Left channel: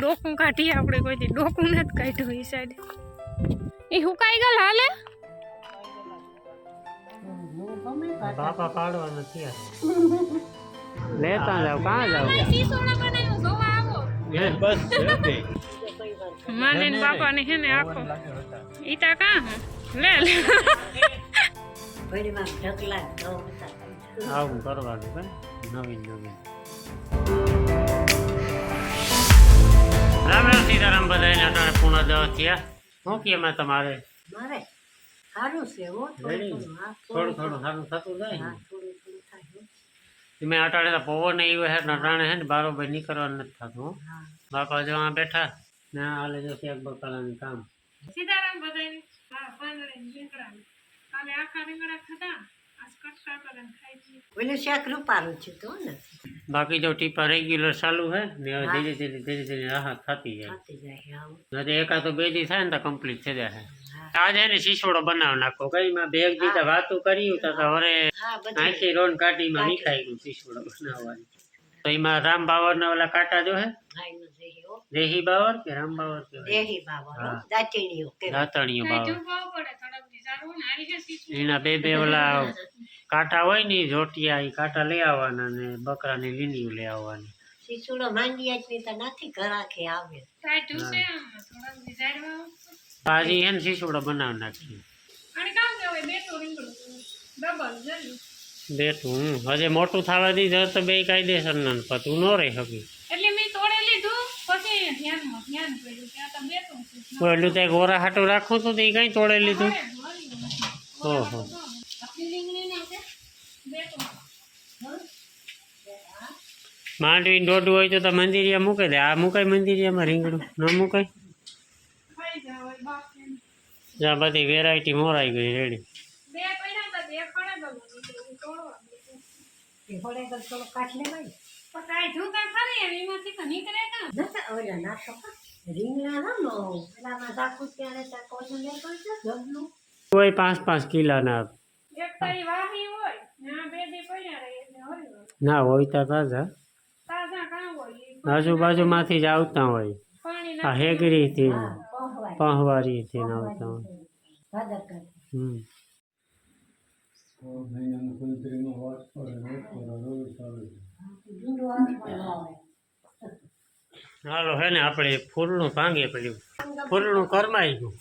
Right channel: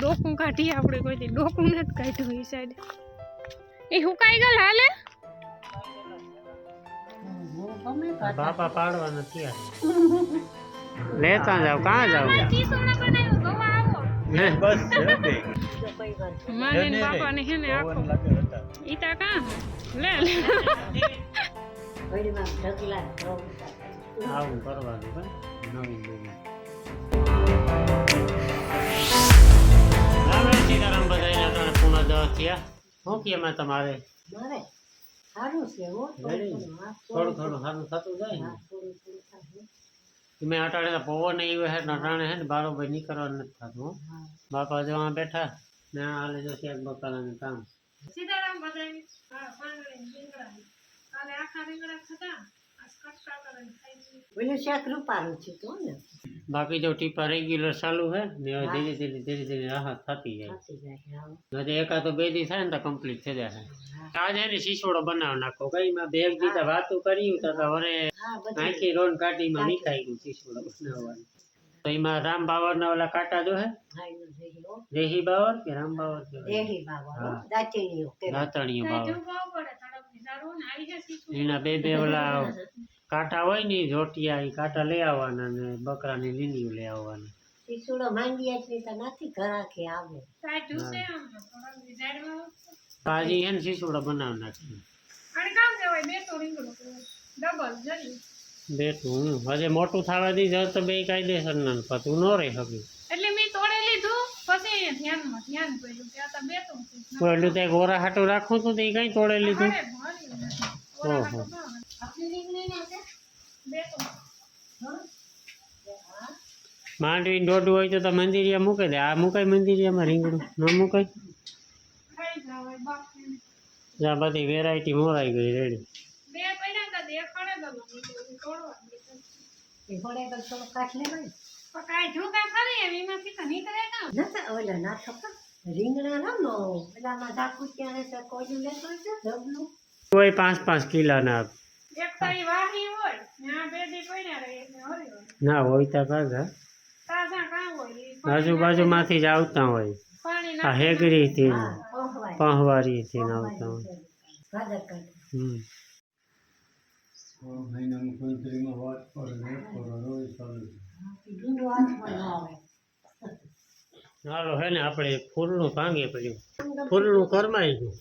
ડોકું કાઢીએ આપણે કોઈથી ડોકું નથી કાઢ્યું એ સાઈડ એ હુકાઈ ગયેલ હાલે બાપા પાડવાના થયા લેતા જાવ કાં જાવ માને ને બાપા ને હે ને આખો ઈતા કાં લે લે આવું કરવાનું નવીન નવીન રામ રામ સીતારામ બધાને અટાણે પૂર્ણ 10 થયા શું કે એમાં તમારે મારે સારું છે હો થોડું થોડું સારું થતું જાય ને થોડું થાય તમે અટાણે તો પવન એવો છે ને અટાણે છે ને બારોબાર નીકળવાનું નથી થતું બાપા જો આ બેઠા ને હાલે જો શેક બકાલાનું કામ સીતારામ બધાને હા પાંદડે રીંગણા કાલે આખા રીંગણા ખાધા આજ કટકા કરીને ખાઈ દીધું ઓલું શાક રૂપારું છે તો ને બાકી જો ટીપા રેગ્યુલર ચાલુ છે ને હવે ધીરે ધીરે રાહત થતી જાય નથી એકાદ તો 2 દી થાય ને તો કમ્પ્લીટ થઈ જાય આજે એને શીશોડો બનાવ નાખો કઈ માં બેગ દીધા વાતો કરી તો હવે આખી રોન કાઢીમાં મીઠાઈ ગયું શીશોડો બનાવવાની તો એમાં રામ બાવર ના ઓલા કાંટા જો હે દેહી બાવર કે રામ બાવર કે દેહી બાવર દાંતણીઓ દાંતણીઓ બાવર પડે થોડાક વિચારવું ને આવી ગયા સીસું એના બે ઓલા કાંટા હોય ને જોટિયા એ કાંટા લઈ આવવાના ને બકરાની લીંડીઓ લઈ આવવાની શીશુડો માંડિયા જ તો નથી ઘરાખે આવે કાઢ્યું છે આમ થોડાક વિચારવા પાજી હે ને શીશોડો બનાવી નાખી અને કામ કહેવાય બે તો રીંગણું ડબલ જલ્દી બેઠું હજે મોટું થવા દીધું તો બે કાયદેસર ના પતું ન રહી શકી એટલે મેં તોડે લીધું પછી ધ્યાન પડ્યું કે આ તો બે તો પેલું તે ગોરા હાટું રાખું તો એ કઈ તોડે લીધું ઓહો માંડવી દોડું હોય તો મંદિરિયા મૂકે દે આ મુકાય મંદિરિયામાં રીંગણું ન મુકાય જ્યાં બધી વેરાયટી મોરાઈ ગઈ રેડી કોઈ 5-5 કિલોના ના હોય તો તાજા આજુબાજુમાંથી જ આવતા હોય આ હેગરી થી પહવારી થી આવતા હોય હાલો હે ને આપણે ફૂલનું ભાંગે પડ્યું ફૂલનું કરમાઈ ગયું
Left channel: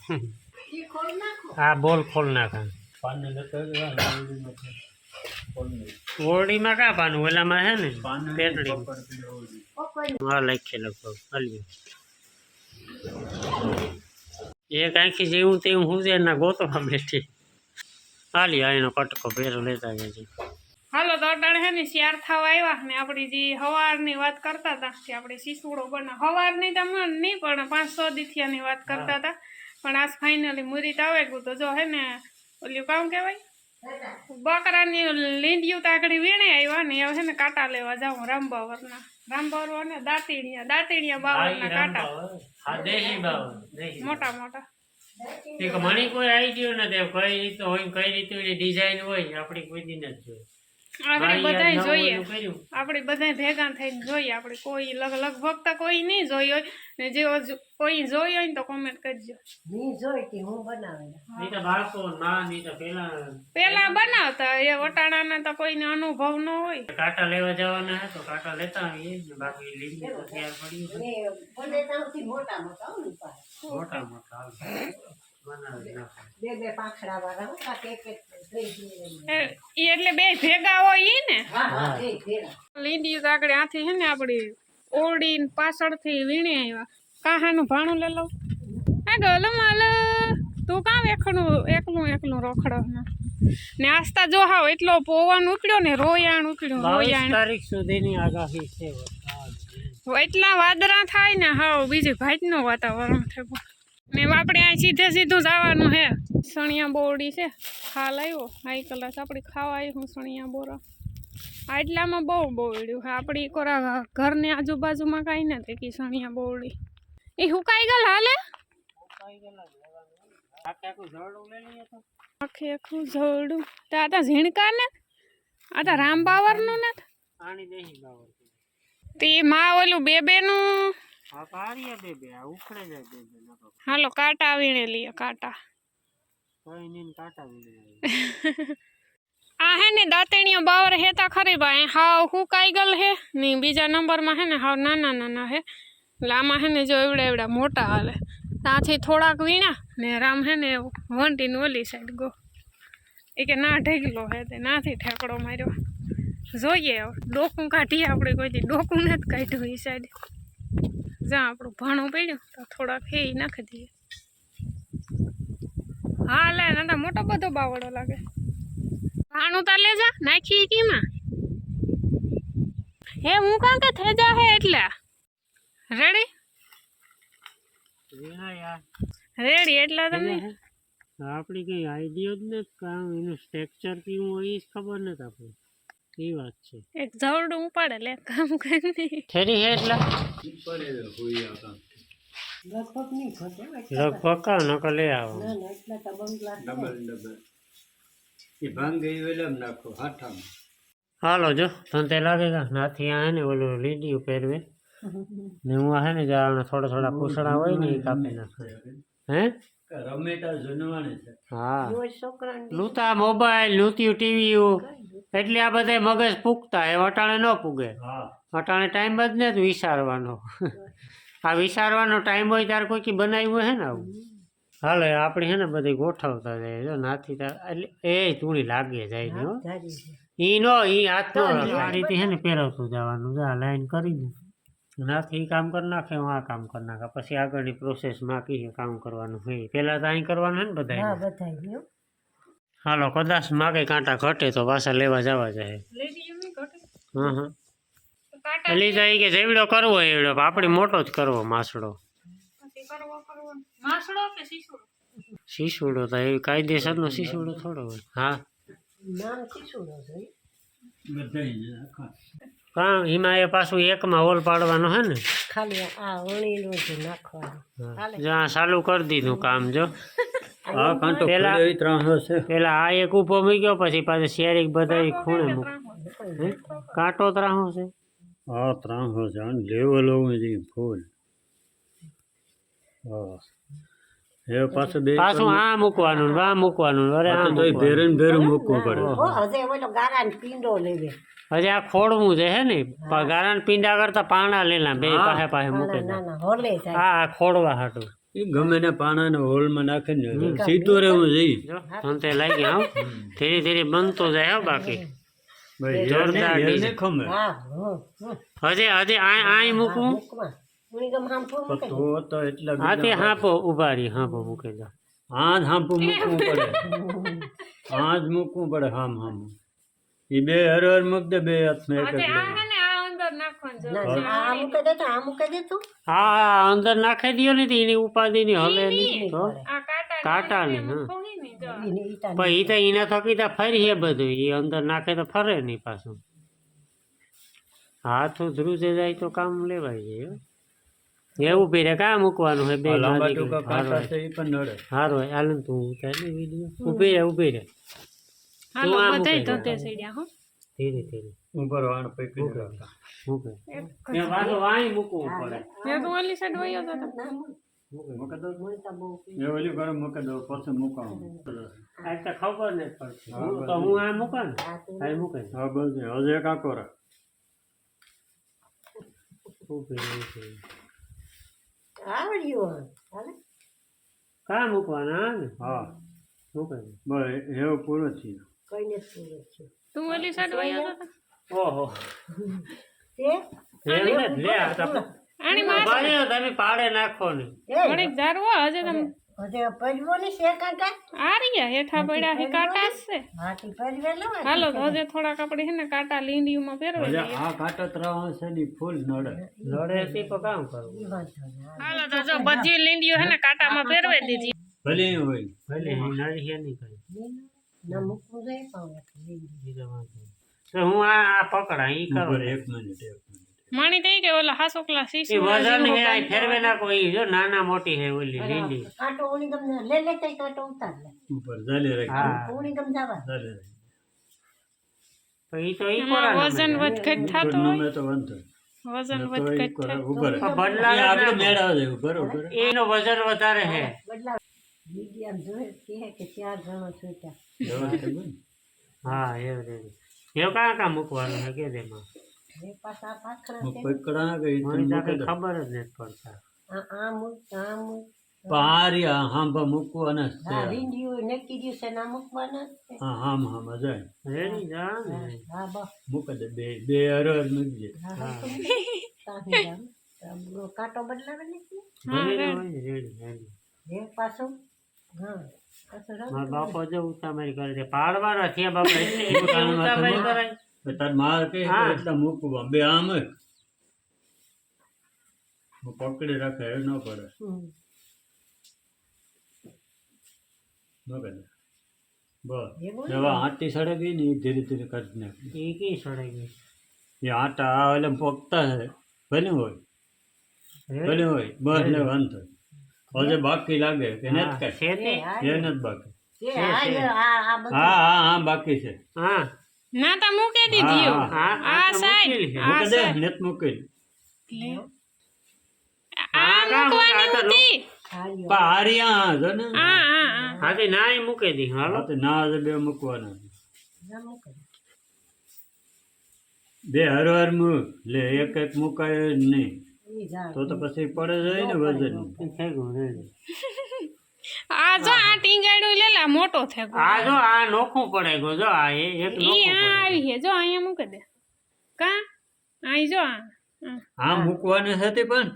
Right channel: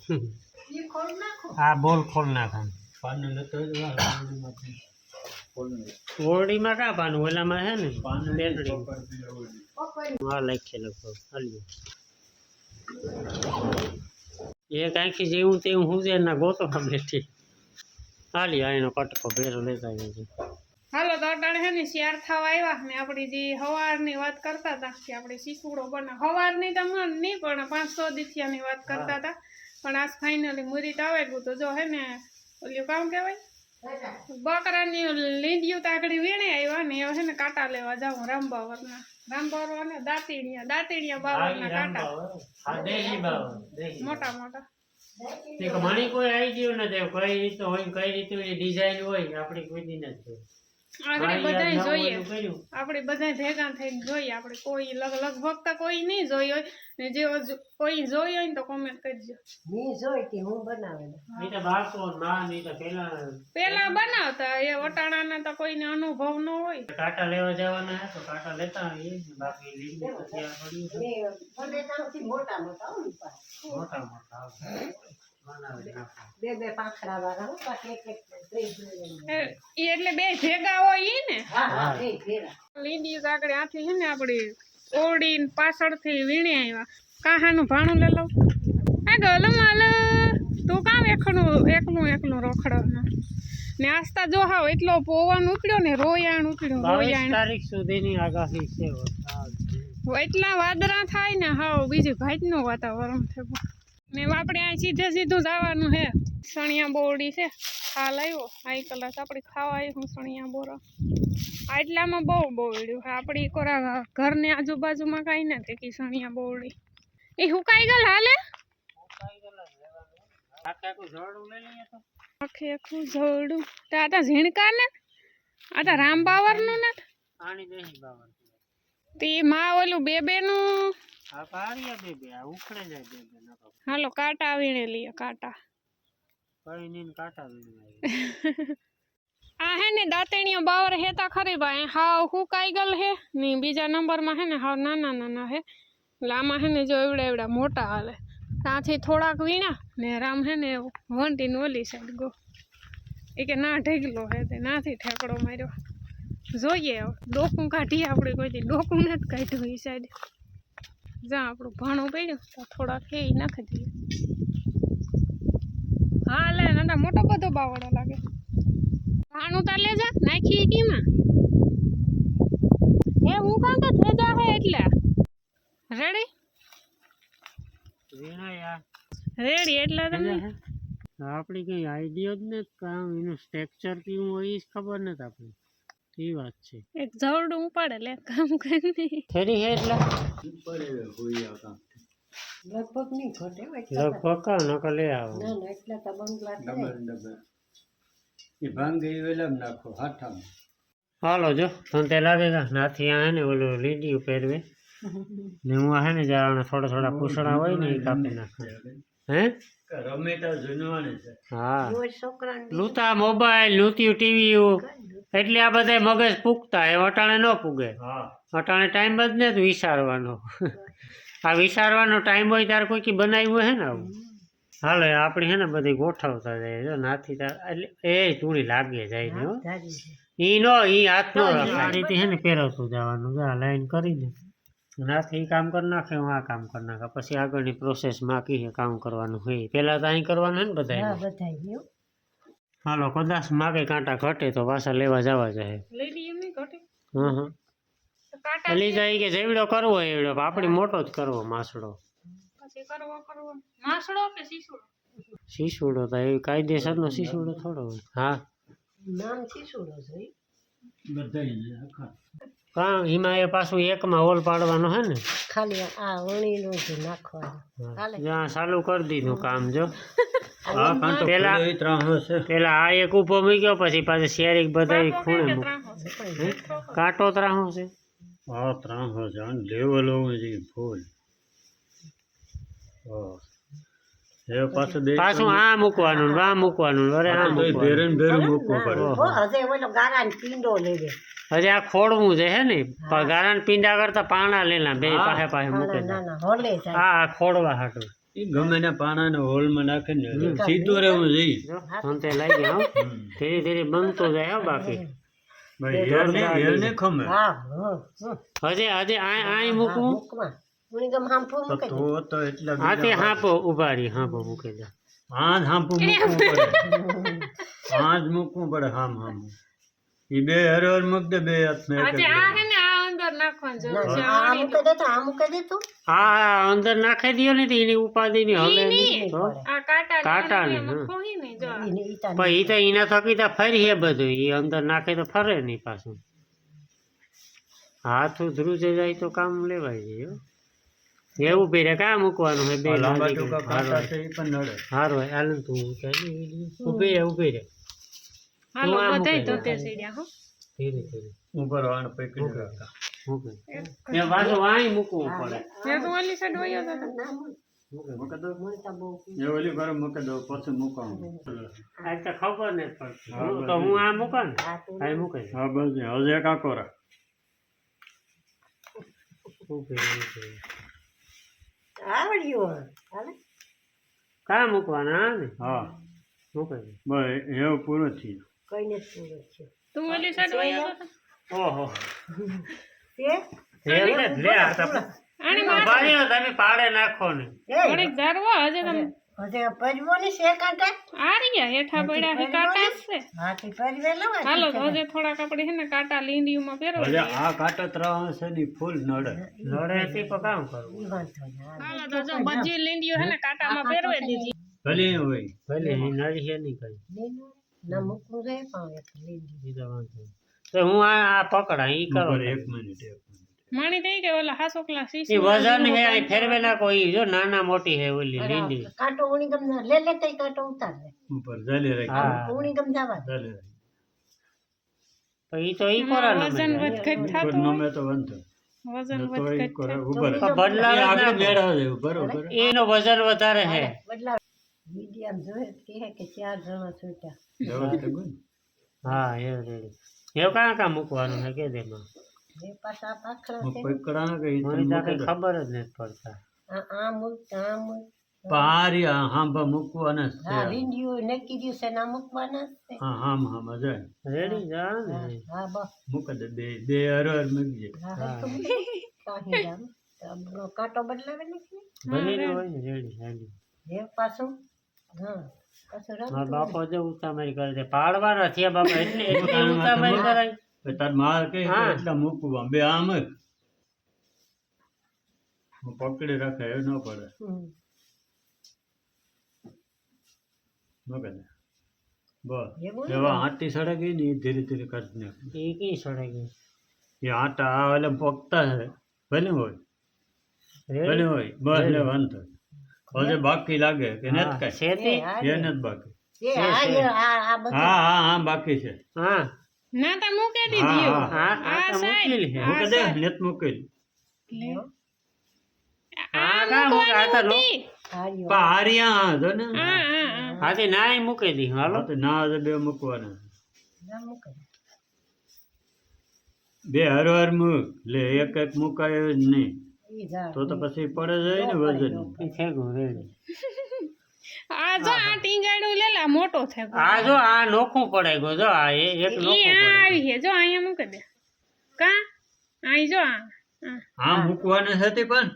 આ બોલ ખોલ નાખા ઓરડીમાં કા પાનું ઓલામાં હે ને બેટડી હા લખે લગભગ હાલ્યું એક આંખી જેવું તેવું હું છે ના ગોતવા બેઠી હાલી આ એનો કટકો ભેરો લેતા જાય હાલો તો અટાણે હે ને શિયાર થવા આવ્યા ને આપણી જે હવારની વાત કરતા હતા કે આપણે શીસુડો બનાવ હવારની તો નહીં પણ 500 દીથિયાની વાત કરતા હતા પણ આજ ફાઇનલી મુરીત આવે ગયું તો જો હે ને ઓલું કામ કહેવાય બકરાની લીંડિયું તાકડી વીણે આવ્યા ને હવે હે ને કાંટા લેવા જાઉં રામબાવરના અને દાંતીણિયા બાવરના કાંટા મોટા મોટા મણી કોઈ આઈડિયો નથી કઈ રીતે હોય કઈ રીતે ડિઝાઇન હોય આપણી કોઈ દી નથી જોઈ આપણે બધા જોઈએ આપણે બધા ભેગા થઈને જોઈએ આપણે કોઈ લગભગ તો કોઈ નહીં જોઈ હોય ને જે કોઈ જોઈ હોય ને તો કોમેન્ટ કરજો પેલા બનાવતા એ વટાણાના તો કોઈને અનુભવ ન હોય કાંટા લેવા જવાના તો કાંટા લેતા આવીએ બાકી લીંબુ તો તૈયાર પડ્યું મોટા મોટા એટલે બે ભેગા હોય ને લીંડી આગળ આથી છે ને આપડી ઓરડી પાછળથી વીણી આવ્યા કાહાનું ભાણું લે લઉં આ ગલો માલ તું કામ એકલું રખડો ને આસ્તા જો હાવ એટલો પવન ઉપડ્યો ને રોયાણ તારીખ સુધીની આગાહી છે એટલા વાદળા થાય ને હાવ બીજી ભાતનું વાતાવરણ થયું ને આપણે આ સીધું જવાનું હે સણિયા બોરડી છે ખાલ આવ્યો હાઈ કલાસ આપણે ખાવા આવ્યું સણિયા બોરા એટલામાં બહુ બોરડ્યું હે આપણી કોરા ઘરની આજુબાજુમાં કાંઈ નથી કે સણિયા બોરડી એ હુકાઈ ગયેલ હાલે આખું ઝોડું તો આ તો ઝીણકા ને આ તો રામ બાવરનું ને તે માં ઓલું બેનું આ પારિયા બે આ ઉખડે જાય બે નકો હાલો કાંટા વીણે લઈએ કાંટા. કઈ નહીં કાંટા વીણે આ હે ને દાંતણીઓ બાવર હેતા ખરી ભાઈ હાવ હુકાઈ ગલ હે ને બીજા નંબરમાં હે ને હાવ નાના નાના હે. એટલે આમાં હે ને જો એવડા એવડા મોટા હાલે ત્યાંથી થોડાક વીણા ને રામ હે ને વંટીને ઓલી સાઈડ ગો એ કે ના ઢેગલો હે તે નાથી ઠેકડો માર્યો. જોઈએ હવે ડોકું કાઢીએ આપણે કોઈથી ડોકું નથી કાઢ્યું એ સાઈડ જ્યાં આપણું ભાણું પડ્યું તો થોડાક હે ઈ નાખી દઈએ. હા લે ના મોટો બધો બાવડો લાગે. ભાણું તા લે જા નાખી કીમાં હે હું કાં કે થેજા હે એટલે રેડી વીણા યાર રેડી એટલે તમે આપણી કઈ આઈડિયો જ નથી કામ એનું સ્ટ્રક્ચર કેવું હોય એ જ ખબર નથી આપણે એ વાત છે. એક જવડું ઉપાડે લે કામ કરી થેરી હે એટલે લગભગ નહીં ઘટે લગભગ કા નકર લઈ આવો ના ના એટલા તો બંગલા હાલો જો તને તે લાગે નાથી આ હે ને ઓલું લીડીયું પહેરવે ને હું આ હે ને જાણે થોડા થોડા પૂછડા હોય ને એ કાપી નાખે હે હા છોકરાને લૂતા મોબાઈલ લૂત્યું ટીવી એટલે આ બધા મગજ પૂગતા એ અટાણે ન પૂગે અટાણે ટાઈમ જ ને વિચારવાનો આ વિચારવાનો ટાઈમ હોય ત્યારે કોઈ બનાવ્યું હે ને આવું હાલો આપણે હે ને બધી ગોઠવતા જાય જો નાથી એટલે એ ચૂડી લાગે જાય ને હો ઈ નો ઈ હાથ નો રખાય આ રીતે હે ને પહેરવતું જવાનું જો આ લાઈન કરીને નાથી કામ કરી નાખે હું આ કામ કરી નાખે પછી આગળની પ્રોસેસમાં કીએ કામ કરવાનું હોય પહેલાં તો અહીં કરવાનું હે ને બધા બધાય હાલો કદાચ માગે કાંટા ઘટે તો પાછા લેવા જવા જાય હા હા એટલે જાય કે જેવડો કરવો એવડો આપણી મોટો જ કરવો માસડો શીશુડો તો એ કાયદેસરનો શીશુડો થોડો હોય હા નામ શીશુડો છે કાં એમાં એ પાછું એકમાં હોલ પાડવાનો હે ને ખાલી આ વણીનું જ નાખવાનું જ્યાં ચાલુ કરી દીધું કામ જો પેલા આ એક ઊભો મૂક્યો પછી પાછું શેરીક બધા ખૂણે મૂક કાંટો ત્રાહો છે પાછું આ મૂકવાનું આ મૂકવાનું અરે આ મૂકવાનું હજે ઓલો ગારાને પીંડો લેજે હજી આ ખોડવું છે હે ને ગારાને પીંડા કરતા પાણા લેલા બે પાસે પાસે મૂકે હોલે હા ખોડવા હાટું ગમે ને પાણા ને હોલમાં નાખે ને સીધું રહેવું જોઈએ તે લાગી આવ ધીરે ધીરે બનતો જાય હો બાકી જોરદાર હજી હજી આ મૂકવું હા તે હાંપો ઉભા રહી હાંપો મૂકી દે હાથ હાંપું મૂકવું પડે હાથ મૂકવું પડે હામ હામ એ બે હરહર મૂક દે બે હાથમાં એક હા અંદર નાખી દો ને એની ઉપાધિ ની હલે નહીં કાંટા ને પણ એ તો એના થકી તો ફરી હે બધું એ અંદર નાખે તો ફરે નહીં પાછું હાથ ધ્રુજે જાય તો કામ લેવાય જાય એવું પીરે કા મૂકવાનું હોય બે હારો હોય હાલ તું ઉભી રે ઉભી રે હાલો બધાય ધોતે સીડ્યા હો ધીરે ધીરે ઉપર વાણ પકડી રાખા એ પાછું વાણી મૂકવું પડે મેં તો ઓલી સાઈડ વયો હતો એ ઓલી ગરમ મૂકી દો પછી મૂકવાનું આ તો ખબર નથી પડતી તો હું આ મૂકા ને આ મૂકે હા બસ હજે કાકો રા આવડ્યું કા મૂકવાના હા ને હા મૂકે બસ એવું પૂરું થયું કઈ નથી પૂરું થયું તું ઓલી સાઈડ વયો હતો ઓહો તે આની મારે તમે પાડે નાખો ને થોડીક જારવો હજે તમે હજે પજવો ને છે કાંટા આ રહ્યા હેઠા પડ્યા હે કાંટા છે હા તે પજવે લો હાલો તો હજે થોડાક આપણે હે ને કાંટા લીંડીયુંમાં પહેરવા હજે આ કાંટા ત્રાહ છે ની ફૂલ નડે લડે તે કામ કરવું હાલો તો જો બધી લીંડીયું હે ને કાંટામાં પહેરવી દીધી ભલે હોય ભલે નડી હે નહીં કઈ ના મૂકવું જાય પણ તો હું આ પકડા ઈ કરો એક મિનિટ માણી થઈ કે ઓલા હાસોકલા એ શીશુ વજન હે આ ફેરવે ના કોઈ જો નાના મોટી હે ઓલી લીંડી કાંટો ઉણી ગમ લે લે તઈ કાંટો ઉતાર લે ઉપર જાલે રાખ હા ઉણી ગમ જવા જાલે રાખ તો ઈ તો ઈ એમાં કરો વજન વધઘટ થતું નો હોય મે તો વંતો વજન તો એ વધઘટ કરે થાય. ઉભર પણ બદલાવે આગળ જ મેળવે છે ઉભર ઉભર એનો વજન વધારે છે. બદલાવ મીડિયમ જોઈએ કહે કે 4 જણા છૂટ્યા એવા છે ગુણ. હા એ રેડી એ કાં મૂકવાનું છે કે દેમાં એ પાછા પાખરા હું છે પકડા કે ઈ તને મને તો મૂકી કઈ દઉં. ખબર જ નથી પડતા. આ મૂક આ મૂક પારિયા હાંભા મૂકવાના જ છે. હા વિંડિયું નક્કી ગયું છે ના મૂકવાના જ છે હા હામ જાય રેડી જા ને હા બસ મૂકે દે બે હરર મૂકજે. હા કાંઈ જામ કાંટો બદલાવે નથી રેડી હોય ને રેડી રેડી. એ પાછું હા પાછું મારા રમતું બાપો જો ઉતામારી કરે છે પાડવાના છે બાપા એટલી ઉતામારી કરે. તો તાર માર કે હા. એટલા મૂકવા બે આમ જ હું પકડી રાખે એ ન પડે મૂકે દે બસ એવું એવા આંટી સડે ગઈ ને એ ધીરે ધીરે કરી નાખ એ કઈ સડે ગઈ એ આટા આ એટલે પોકતા છે ભલે હોય ભલે રેડી હોય બસ લે વાંધો પછી બાકી લાગે કે નથી હા, કાંઈ શેતી? એ નથી બાકી એ આ બધું હા હા હા બાકી છે હા ના તા મૂકી દીધી હા, એવું. હા, આ તો સાઈડ મૂકેલી છે. આ મૂકે દે સાઈડ નથી મૂકેલી લે. હા, આ કાં મૂકવાની મૂકે? આ તો હતી. હાર્યો પણ હારિયા જો ને હા હા હા હાથી ના મૂકી દી હાલો હા તો ના છે બે મૂકવાના ના મૂકે બે હરવાર મૂક લે એક એક મુકાય જ નહીં ઈ ઝાડ તો પછી પડે જાય ને વજન થઈ ગયું રેડી. આ જો આ ટીંગાડું લેલા મોટો થઈ ગયો. આ જો આ નોખું પડે ગયું જો આ એક ઈ નોખું આ પડે આવી છે જો અહીંયા મૂકી દે કા અહીં જો આ હા મૂકવાની હતી પણ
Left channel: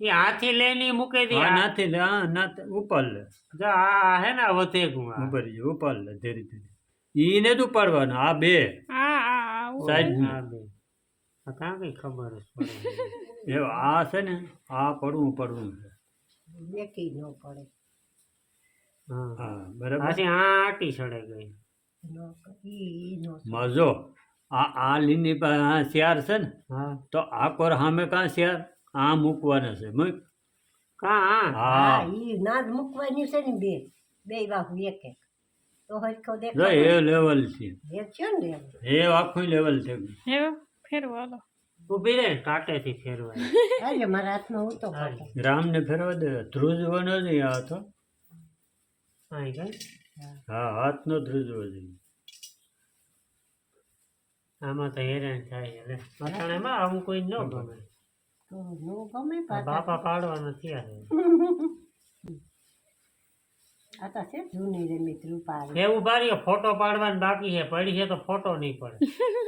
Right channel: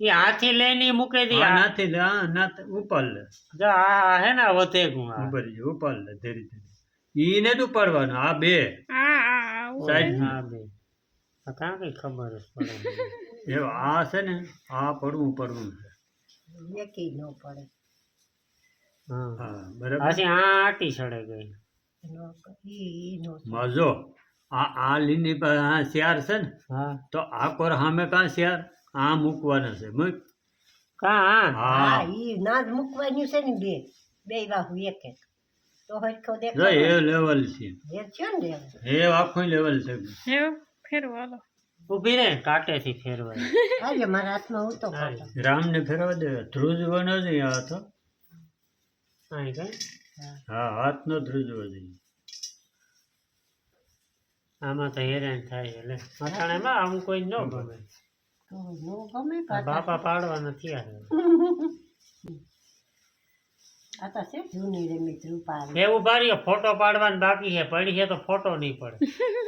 એ હાથી લઈને ઈ મૂકી દી હા નથી લે હા ના ઉપર લે જો આ હે ને વધે ગયું આ. ઉપર લે ઉપર લે ધીરે ધીરે ઈ ને તું પાડવાનું આ બે આ આ આ સાઈડ હા બે આ કાં કઈ ખબર જ પડે એ આ છે ને આ પડવું પડવું છે એકી ન પડે હા હા બરાબર પાછી આ આટી સડે ગઈ ઈ નો મજો આ લીની પાસે આ શિયાર છે ને હા તો આ કોર સામે કાં શિયાર આ મૂકવાના છે મૂક કા હા હા હા ઈ ના જ મૂકવાનું છે ને બે બાહુ એક એક તો હરખો જો દેખાય એ લેવલ છે એ છે ને એમ. એ આખું લેવલ છે એવું ફેરવો હાલો ઊભી રે કાંટેથી ફેરવાય આજે મારા હાથમાં હું તો ખાતો રામને ફેરવા દે ધ્રુજવાનો જ આ તો અહીં કઈ હા હાથનો ધ્રુજવો જોઈએ આમાં તો હેરાન થાય એટલે મટાણામાં આવું કોઈ ન ગમે તો નો ગમે આ બાપા પાડવાના થયા છે આ તો છે જૂની રમી રૂપાલ એવું બારી ફોટો પાડવાનો બાકી છે પડી છે તો ફોટો નહીં પડે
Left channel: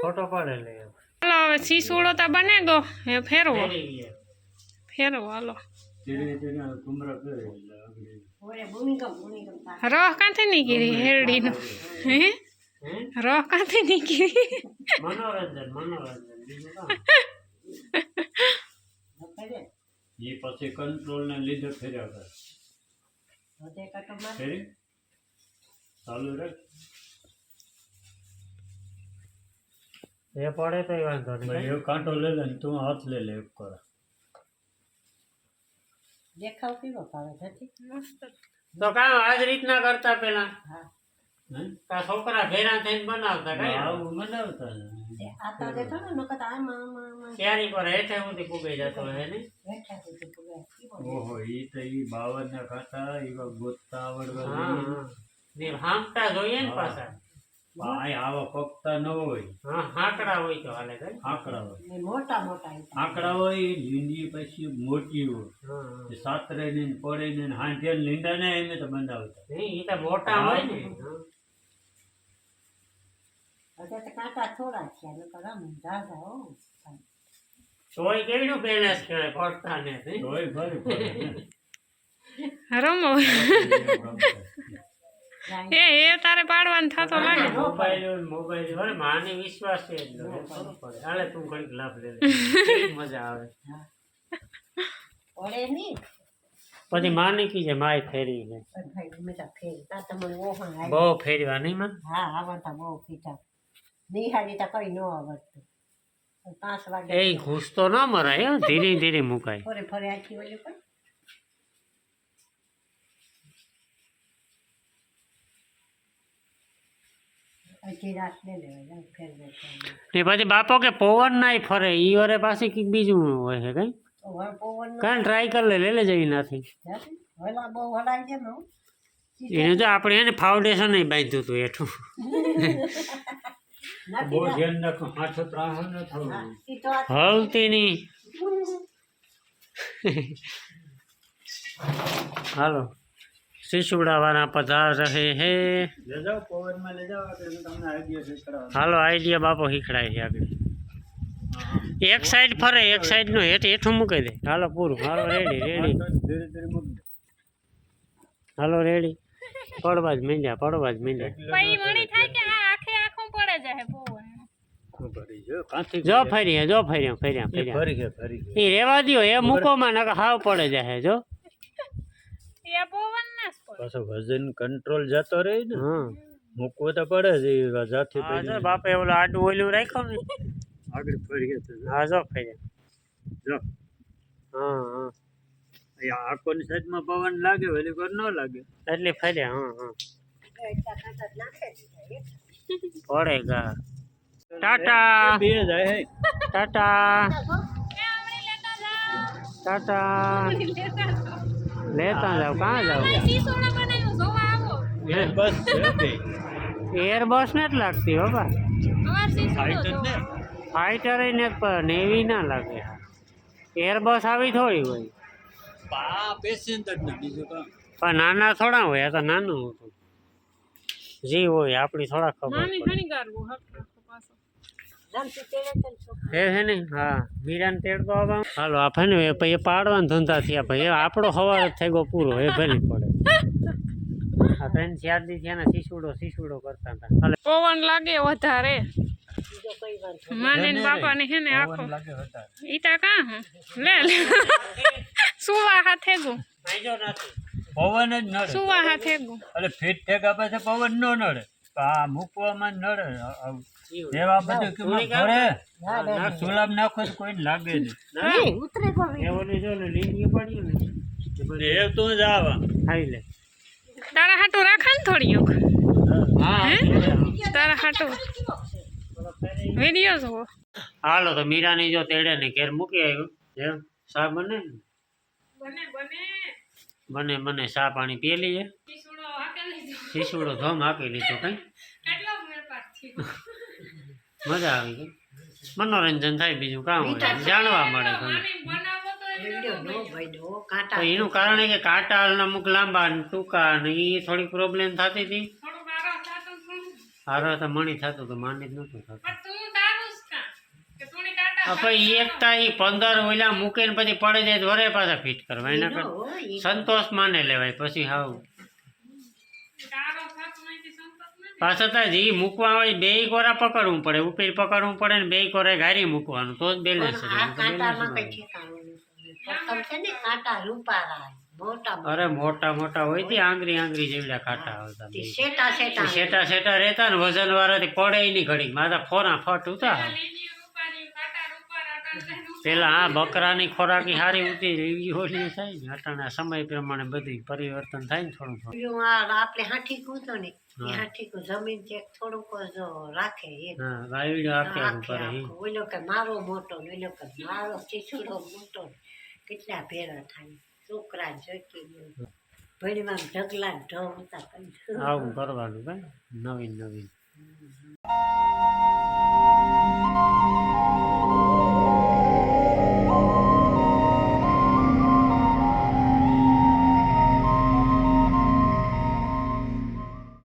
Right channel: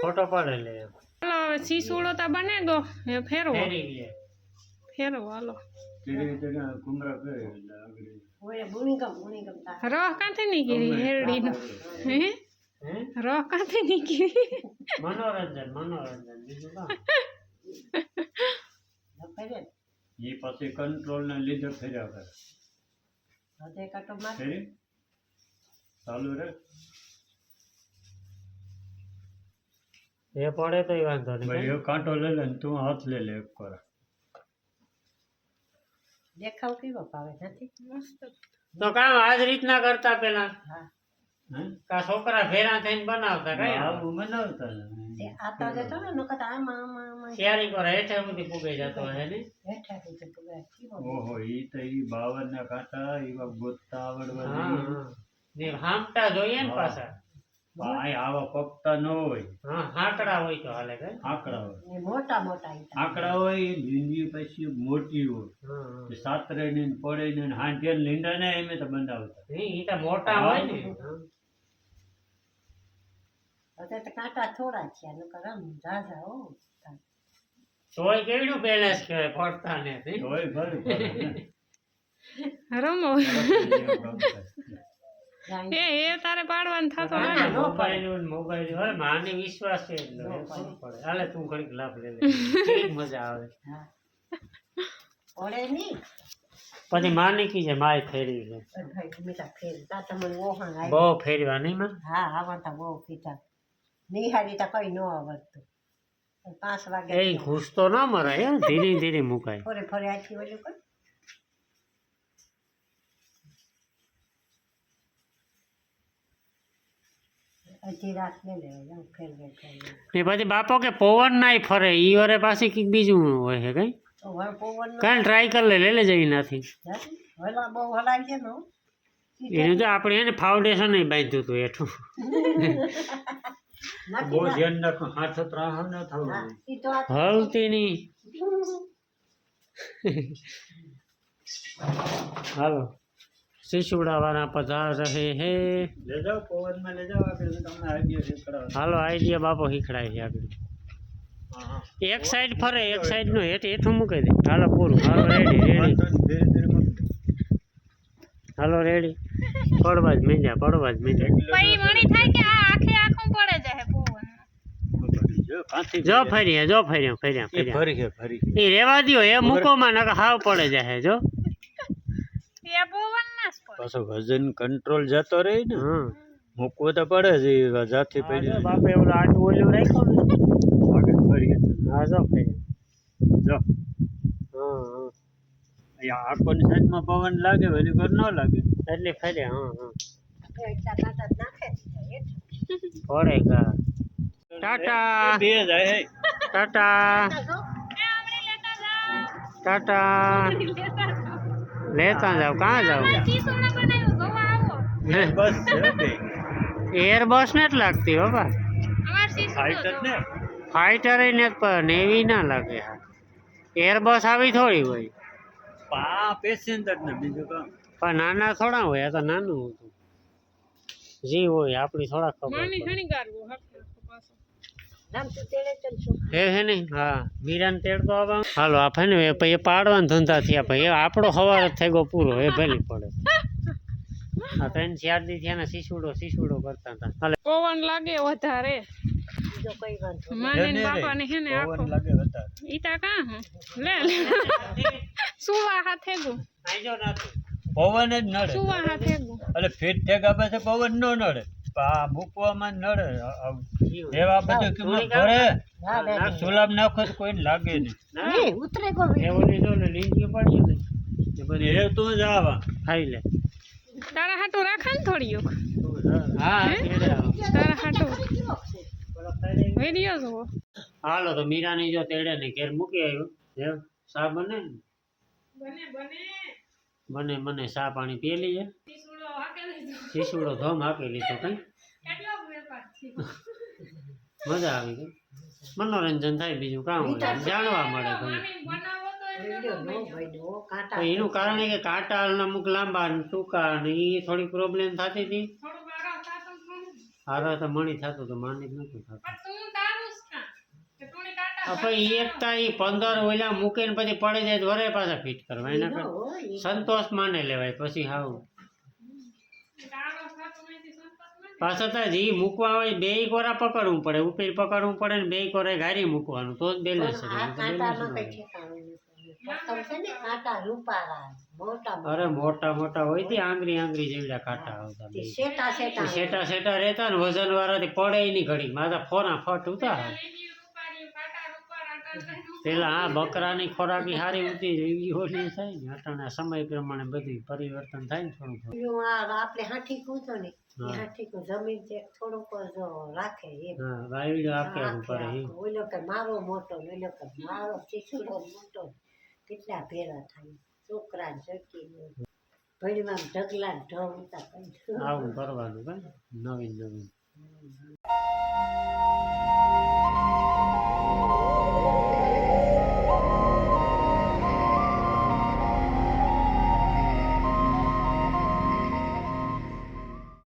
ફોટો પડે લે એમ. હાલો હવે શીસુડો તો બને ગયો એ ફેરવો ફેરવી લે. ફેરવો હાલો ધીરે ધીરે કુમરા કરે એટલે આગળ ઓરે ગુણીગમ તા રહ કાંથી નીકળી હેરડીનું હે હે? રહ કાંથી નીકળી મનોરંજન મનોરંજન બીજું કાં? કરે એ પછી કંટ્રોલ ને લીધે ફેર્યા કરે હદે કટો માર ફેરી ચાલુ રે એ પડે તો વાંધો ભાઈ નહીં એક કાંટો લે લે ને તું હાથ લે લે એક કર દેખાવ કેવો ભાવે નથી મસ્ત તો કામ આજ રીતના કરતા પેલા હા હે કા છોકરા ભેરા થઈને બનાવતા કઈ આવું બનાવતા ને તે આ તો દેતો ને નકર આમાં આમાં શેરી પર હેઠે સુધી પૂગાઈ જતો હોય ને બેઠા સુધી પુગાય કેવો ઓહો ઈ તો ઈ 52 ના કાંટા એવા ગોતતા આવડવા હા જોઈએ હા. ને હાંકતા જોઈએ ને પાછા આ આવા પકતા ન હોય હા હાંકડા હોય તો હાલે કઈ આંકડા હોય ને મોટા મોટા ઈટા આંકડા હોય લીંડી પછી મોટી હોય હા હા. એ સાતરે ને પડે ને હાંજે લીંડા ને એમ તો બંધાવતા નહીં, ઈ તો મોટા હોય ને હા. હવે તો કાંટા થોડા છે નકર આમ ઝાઝા હો તોય કેવડું બેલેન્સ કહેવાય પડતા ને નહીં? તોય ભરે ભરે ને. રમો એ તારે પાડવાનું થતો લાગે મોબાઈલ અરે માને વિશ્વાસ છે એટલે ખબર પડે. હાલે તું ઘડીક લાભ લે લે. કેવી મજા આવે ઓળે ની પછી માની કી છે માય ફેરવી લે ભાઈ ગમેતા ફેર તા તમને ઓહણ આવી બહુ ફેરવા નહીં માં હા આવતા બહુ પીતા નિહાળી તો કઈ ન આવડતું 5 વાગે એ ઘૂસ તો ના મરાય હો, ધીરે ધીરે મુકાય ફરે ફરે આખી ઓલું કર અડધી રાત લઈ લેવાય આમ ફેરવે ફેરવે ને પછી બાપો કે પવન નાય ફરે ઈ વરે પાછી કંઈક બીજું હોય છે કઈ તો હવે પવન કાંઈ ટ્રાય કરી લે જઈ નથી હલા બહુ હલાય છે ને એને તો આપણે એને ફાઉન્ડેશન નહીં બાંધ્યું હતું હેઠું બહુ ધ્યાન રાખો હાથ ત્રાહ ન થવું ઈ તો આ હલતી નહીં હાલો શીશુડાવાના પધાર રહે હે લઈ જાઓ પવનમાં લઈ જાઓ આગળ હું તમને આઈડિયા શીખડાવું હાલો આઈડિયા બાપો શીખડાય છે આગળ હા એક સાઈડ ફરે એક સાઈડ નું હેઠું મૂકી દે હાલો પૂરું હાલો રેડી ધીરે ધીરે મૂકી હાલો રેડી પડવા જ મીંડ્યા પછી વણી થાય કે આ આખે આખું પડે જાય પવન જો કાંથી જો ફર્યા ફરી છે એ રેવા દ્યો એ મૂકોમાં નકર હાવ પડે જાય જો એ પવન ના જ પડે પાછો વજન કંટ્રોલ જતો રહે ને હા મૂકવો તો પડે જ એ જાતે હા જો બાપે ઓલું આટું ઓલું રાખ્યું ને આગળ ફરી હા જો ફર્યા જો હા હા અહીંયા આંખોની સાઈડમાં પવન લાગે વળી પર ન લાગે એટલે ફર્યા હા હા એટલા કાંટા જ નાખે છે પડેગા ટાટા બે જાય હે ટાટા ટાટા લેતા જાવ કાં જાવ શીશોડા બનાવ્યું જોવા આવો બસ છે બે એર બસ ને જ લાગતી બાપા અમાર શીશોડો ફાઈટર ને જોવા ફાઈટર ને પણ એવી ના લાગે એર બસ આવી થોડી હોય પા પેસેન્જર ને બીજું કામ પણ નાના થોડા હોય આ તો નાનું હતું જી હોય આપણી થોડા ખબર નાની પડે ઘણી ગારવો હક પાછો રામથી તેડે ચલશો હે ને હા મીરાને તેડતો આવવા હાલો આ ભાઈ ને પછી પાડવાના ધંધા થયા ભાઈ આપણો સવાર જ થઈ ગયો પૂરો એ ભલે પડે આ 3-4 દી થયા શીશુડો કરતા હતા હાલો પવન લાગે વધારે બીજો કઈ વાંધો માને ને બાપા ને હે ને આખો પવન લાગે વધારે ઈ તા કાં હું લે સુવા હાથે ગુ પવન જ નડે સુવા હાથે ગુ એટલે ફીટ ઠેકા પાસે પવન ન નડે પણ આ મૂકવામાં જ નડે એવા બધું કિંમત ભરે ના ના સુલાબ નાખો તો કોઈને લાગે નહીં નહીં ઉતરે કોઈ એ ઓલી જો ને લીંગી પડી ને એ બધી એ તું જ આવા ખાઈ લે તારા હાટું રાખા ને થોડીક હા તારા હાટું વિડિયો જોવો હાલો તો મીરાની જો તેડે ને ઘેર મૂકી આવ્યો એમ સા બને ને મને સા પાણી પી લઈએ શીશુડો ધોમ હાકી લીધો કઈ મજા આવી ગઈ મનોરંજન થાય બીજું કામ હોય જાણવા મળે ઘણું વિડિયો નો ભાઈ નો કાંટા તો એનું કારણ એ કે કાંટા અમુક લાંબા ને ટૂંકા ને એ થોડી પ્રોબ્લેમ થતી હતી હારો તો મણી થતું તો માની જ નતું થતું પછી એકતા એ 15 ઓલા મૂકે ને પછી પડે જાય તો વરે પાછા ફિટ કરવા એના કરતા સંતોષ માને લેવાય પછી હાવ પાછા તા જી મૂકવા હોય બે કોરા પકડવું પડે ઉપર પકડવું પડે ને બે કોરા ગારી મૂકવાનું તો જ બેલેન્સ રહે આ કાંટામાં કઈ ઠેકાણું નથી પ્રથમ છે ને કાંટા રૂપારા મોટા અરે મોટા હોય તે આંગળી જેવડા કાંટા આવતા બે. શેટા શેટા સેટા રહેતા ને વજન વાળાથી પડે નહીં ઘડી માથા ફોરા ફટ ઉતા પેલા આ બકરાની ખોરાકી સારી ઉતી એવી ઓલી થાય ને અટાણા સમય પ્રમાણે બધી પરિવર્તન થાય ને થોડું પેલું આ આપણે હાથી કૂદો ને એ હાથી કો જમીન ચેક થોડુંક જ રાખે એ હા વાયડો આખે કરે ઈ. ઓલો કે મારો મોટો ને ઓલો કે મારો ચીસુડો મોટો કેટલા ભેરા થાય છોકરા જોઈતી ભણીમાં ઢગલા ઢગ ઉતા કઈ આવું કરવાનું કઈ નવીન